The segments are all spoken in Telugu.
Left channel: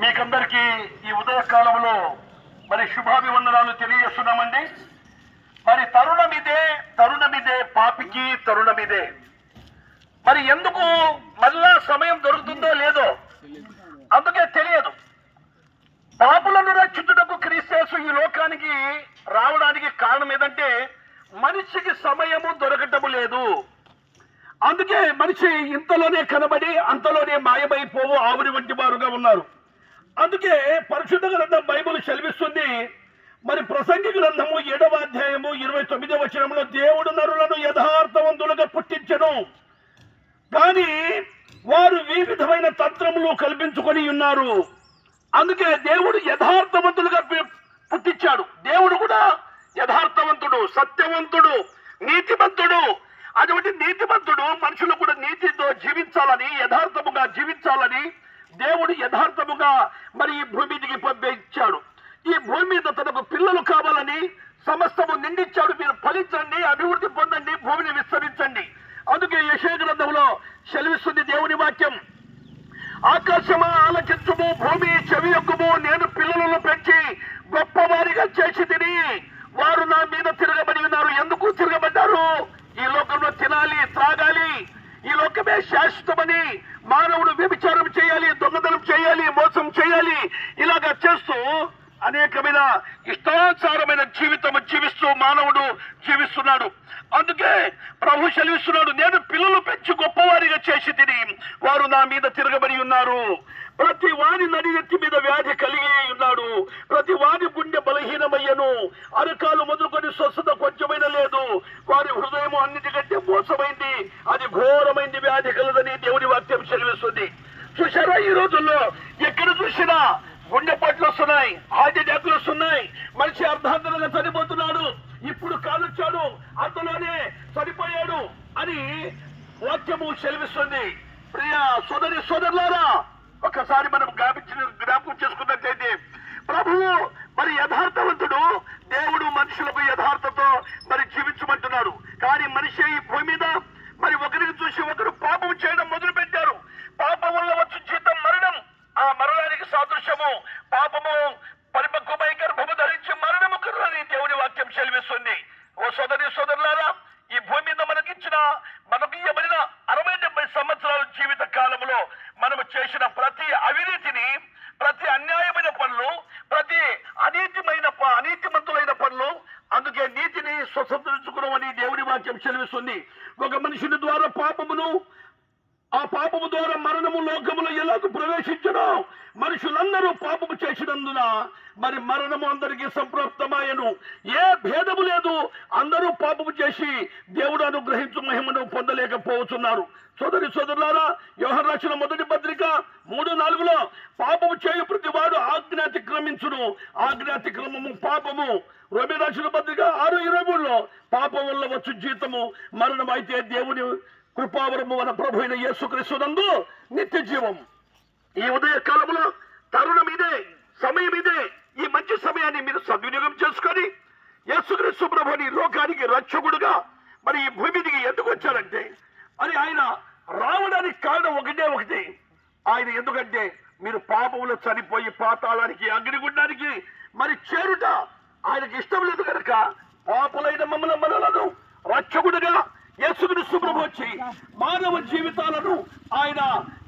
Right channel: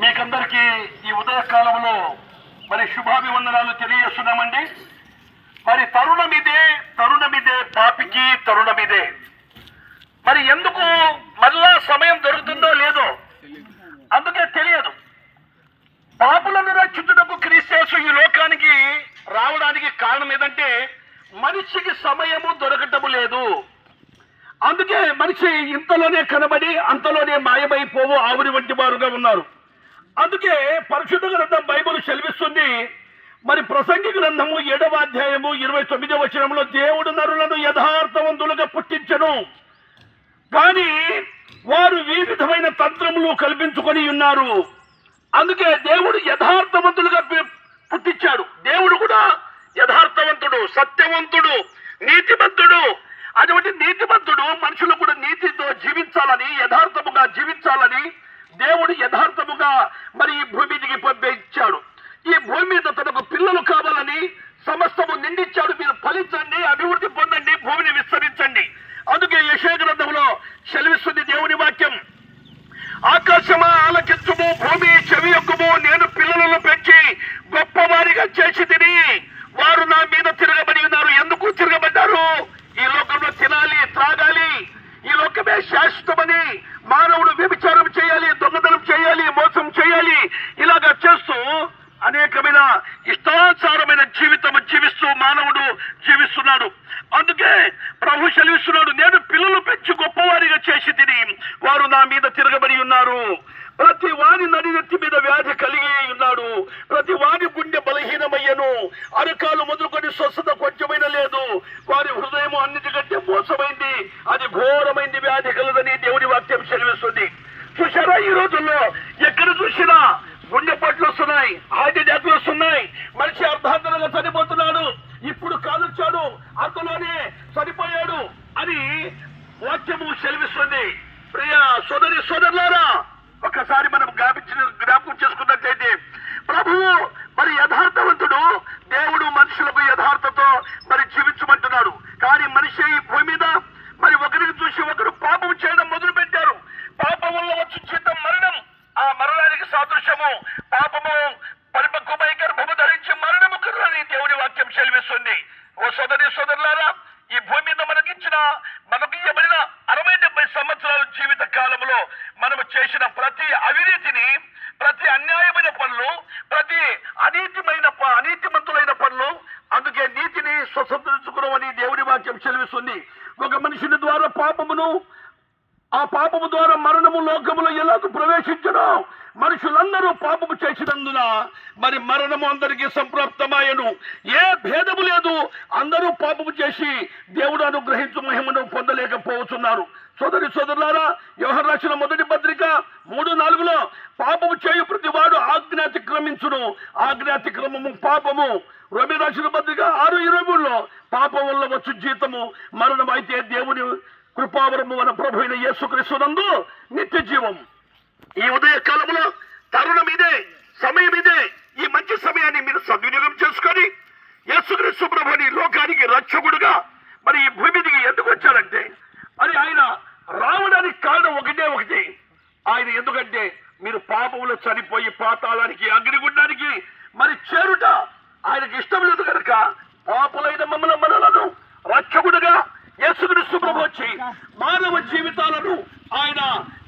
మీకందరికీ ఈ ఉదయ కాలంలో మరి శుభాభివందనాలు తెలియజేస్తున్నామండి. మరి తరుణమిదే తరుణమిదే పాపికి తరుణమిదే. మరి ఎందుకు మళ్ళా సమయం దొరుకుతుందో లేదో అందుకే తెలియదు. పాపులను రక్షించుటకు క్రీస్తేసు ఈ లోకానికి రావడానికి కారణం ఏదంటే మనిషికి సమయము దొరకటము లేదు. అందుకే మనిషి ఇంతలోనే కనబడి అంతలోనే మాయమైపోవు ఆవురి వంటి వారుగా ఉన్నారు. అందుకే పరిశుద్ధ గ్రంథం బైబిల్ సెలవిస్తుంది. మరి ప్రసంగి గ్రంథము ఏడవ అధ్యాయము ఇరవై తొమ్మిదవ వచనంలో దేవుడు నరులను యథార్థవంతులుగా పుట్టించను. కానీ వారు వివిధమైన తంత్రములు కల్పించుకొని ఉన్నారు. అందుకే దేవుడు యథార్థవంతులుగా పుట్టించాడు. దేవుడు కూడా యథార్థవంతుడు సత్యవంతుడు నీతిమంతుడు. అటువంటి నీతిమంతుడు మనుషులు కూడా నీతితో జీవించాలని యథార్థముగా జీవించాలని దేవుడు యథార్థముగా మరి ఈ భూమి మీదకి పంపించాడు ఈ భూమి మీద తనకు పిల్లలు కావాలని సమస్తము నిండించాడు మీరు ఫలించండి అభివృద్ధి పొందండి భూమిని విస్తరించండి. అందుకే యశో గ్రంథంలో సెలవిస్తుంది దేవుని వాక్యం. ఆకాశమా ఆలకించుము భూమి చెవి యొక్కము నేను పిల్లలను పెంచి గొప్పవారిగా చేసి తిని వారు నా మీద మానవుడు జీవిస్తున్నాడు. అందుకే ప్రభు సెలవిస్తున్నాడు నేను పిల్లలు పెంచి గొప్పవారిగా చేసి తిని వారు నా మీద తిరగబడి ఉన్నారు. ప్రతి వారి నడినెత్తి మీద వ్యాధి కలిగి ఉన్నాడు. ప్రతి వారి గుండె బలహీనమయ్యను. అరకాలు మొదలుకొని స్వస్థత కొంచెమైన లేదు. వారి హృదయం అన్నిటికంటే మోసమైంది. అది ఘోరమైంది. వ్యాధి కలదని దేవుని వాక్యం సెలవిస్తుంది. చూసారా ఈ రోజుల్లో? ఎక్కడ చూసినా గుండెపోట్లు వస్తున్నాయి హార్ట్ అటాక్లు వస్తున్నాయి. మనిషి అర్ధాంతరంగా చనిపోతున్నాడు. ఇప్పుడు కాలుచ్చాడు అంతలోనే చనిపోయాడు అని వాక్యము సెలవిస్తుంది. ప్రియ సోదరి సోదరులారా ఒకసారి మనం జ్ఞాపించిన జ్ఞాపకం చేసుకున్నట్లయితే ప్రభువు మరి యథార్థవంతుడు దేవుడు మనుషులకు యథార్థతో మరి జీవించమంటున్నాడు. కానీ మనిషి ఈ భూమి మీద మరి ఒకరిని చూసి ఒకరు పాపం చేయడం మొదలు పెట్టారు పాపం వల్ల వచ్చి జీతం మరణం ఆ మరణానికి సాదృశ్యము పాపము పరిపక్వమై గర్భము ధరించి మరణము కరుణని దేవుని వాక్యం సెలవిస్తుంది ఓ సోదరి సోదరులారా ఈ భూమి మీద మనకిచ్చిన మనకు ఇవ్వబడిన అరవై డెబ్బై సంవత్సరాల జీవిత కాలంలో మనము చేసిన ప్రతి అవినీతిని ప్రతి అన్యాయమైన పనులు ప్రతి అనీతిమైన అనీతిమంతులైన పనులు అందుకే నీతిని స్వతంత్రించుకున్నామని దేవుని వాక్యం చెలివిస్తుంది ఒక మనిషిని ద్వారా పాపమును ఆ పాపము ద్వారా మరణము లోకములో ఎలాగ ప్రవేశించను. మనుషులందరూ పాపము చేసినందున మరి మరణము అందరికీ సంప్రాప్తమాయను. ఏ భేదము లేదు. అందరూ పాపము చేసి దేవుడు అనుగ్రహించు మహిమను పొందలేకపోతున్నారు. సోదరి సోదరులారా వ్యవహార రాసిన మొదటి పత్రిక మూడు నాలుగులో పాపము చేయు ప్రతి వాడు ఆజ్ఞాతిక్రమించును. ఆజ్ఞాతిక్రమము పాపము. రవి రాసిన పత్రిక ఆరు ఇరవై మూడులో పాపం వల్ల వచ్చు జీతము. మరణం అయితే దేవుని కృపావరము మన ప్రభు అయిన యేసుక్రీస్తునందు నిత్య జీవం ఈ ఉదయ కాలంలో తరుణం ఇదే సమయం ఇదే ఈ మంచి సమయాన్ని మీరు సద్వినియోగం చేసుకొని యేసుక్రీస్తు ప్రభుని లోకానికి రక్షకుడుగా మరి ఈ భూమి దిగి ఎందుకు వచ్చారంటే మరి ఆయన రావడానికి కారణం ఒకటే ఒకటి. ఆయన ఎందుకంటే మీరు పాపంలో చనిపోయి పాతాళానికి అగ్నిగుండానికి మరి చేరుట ఆయనకి ఇష్టం లేదు కనుక పాపులైన మమ్మల్ని మనలను రక్షకుడుగా యేసుక్రీస్తు ప్రభు వచ్చి మానవ జీవితాలను ఆయన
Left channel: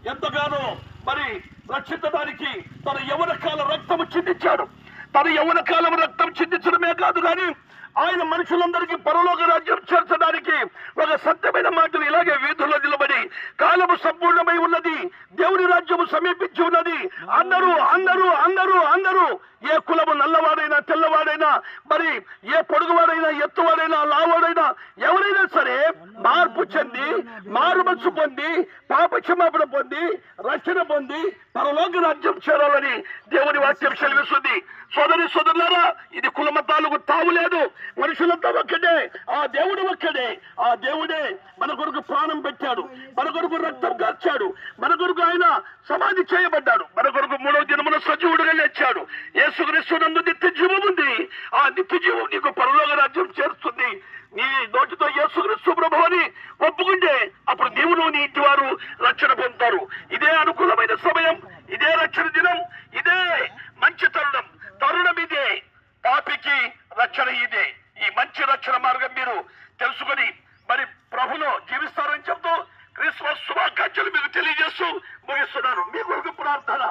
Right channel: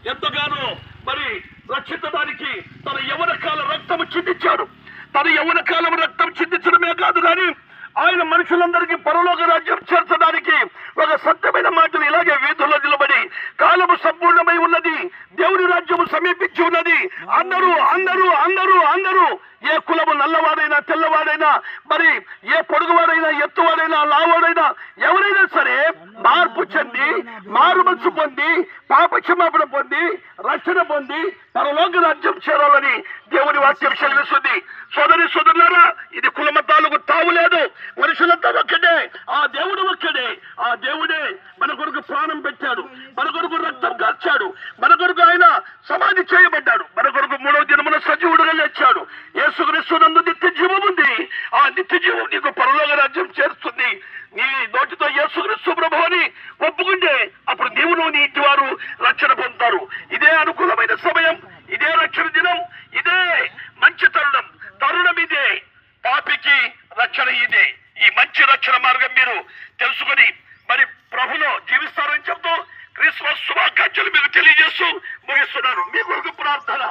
ఎంతగానో మరి రక్షించడానికి తన యవన కాల రక్తము చిందించాడు. తన యవన కాలం రక్తం చిందించడమే కాదు కానీ ఆయన మనుషులందరికీ పరలోక రాజ్యం చేర్చడానికి ఒక సత్యమైన మాటలు ఇలాగే వీధుల్లో నిలబడి కాలము సంపూర్ణమై ఉన్నది దేవుని రాజ్యము సమీపించి ఉన్నది. అందరూ అందరూ అందరూ తెల్లవాడైనా మరి ఏ పొడుగువాడైనా ఎత్తువాడైనా లావాడైనా ఎవరైనా సరే మార్పు చెంది మారు మనసు పొంది పాపక్షమాపణ పొంది రక్షణ పొంది పరలోక రాజ్యం చేరాలని దేవుని వాక్యం చెల్లిస్తుంది సోదరి సోదరులారా ఇది కులమతాలకు తావు లేదు. మనుషులంతా ఒక్కడే ఆ దేవుడు ఒక్కడే. ఆ దేవుడే మన కొరకు ప్రాణం పెట్టాడు. మన కొరకు రక్తం కార్చాడు మన కొరకు ఆయన సమాధి చేయబడ్డాడు. మన కొరకు మూడవ దినమున సజీవుడుగా లేచాడు. యేసుక్రీస్తునందు నిత్య జీవం ఉంది ఆ నిత్య జీవం నీకు పరలోక రాజ్యం చేరుస్తుంది నీ నోటితో యేసుక్రీస్తు ప్రభు అని ఒప్పుకుంటే అప్పుడు ఇంటి వారు రక్షణ పొందుతారు. ఇదే అనుకూలమైన సమయం ఇదే రక్షణ దినం ఇదే మంచి తరుణం. తరుణం ఇదే పాపికి రక్షణ ఇదే. ఈ మంచి రక్షణ మార్గం మీరు తెలుసుకొని మరి ప్రభులో జీవిస్తారని చెప్తూ క్రిస్మస్ శుభాకాంక్షలు మీకు తెలియజేస్తూ ముగిస్తున్నాను. మీ కొరకు ప్రార్థన.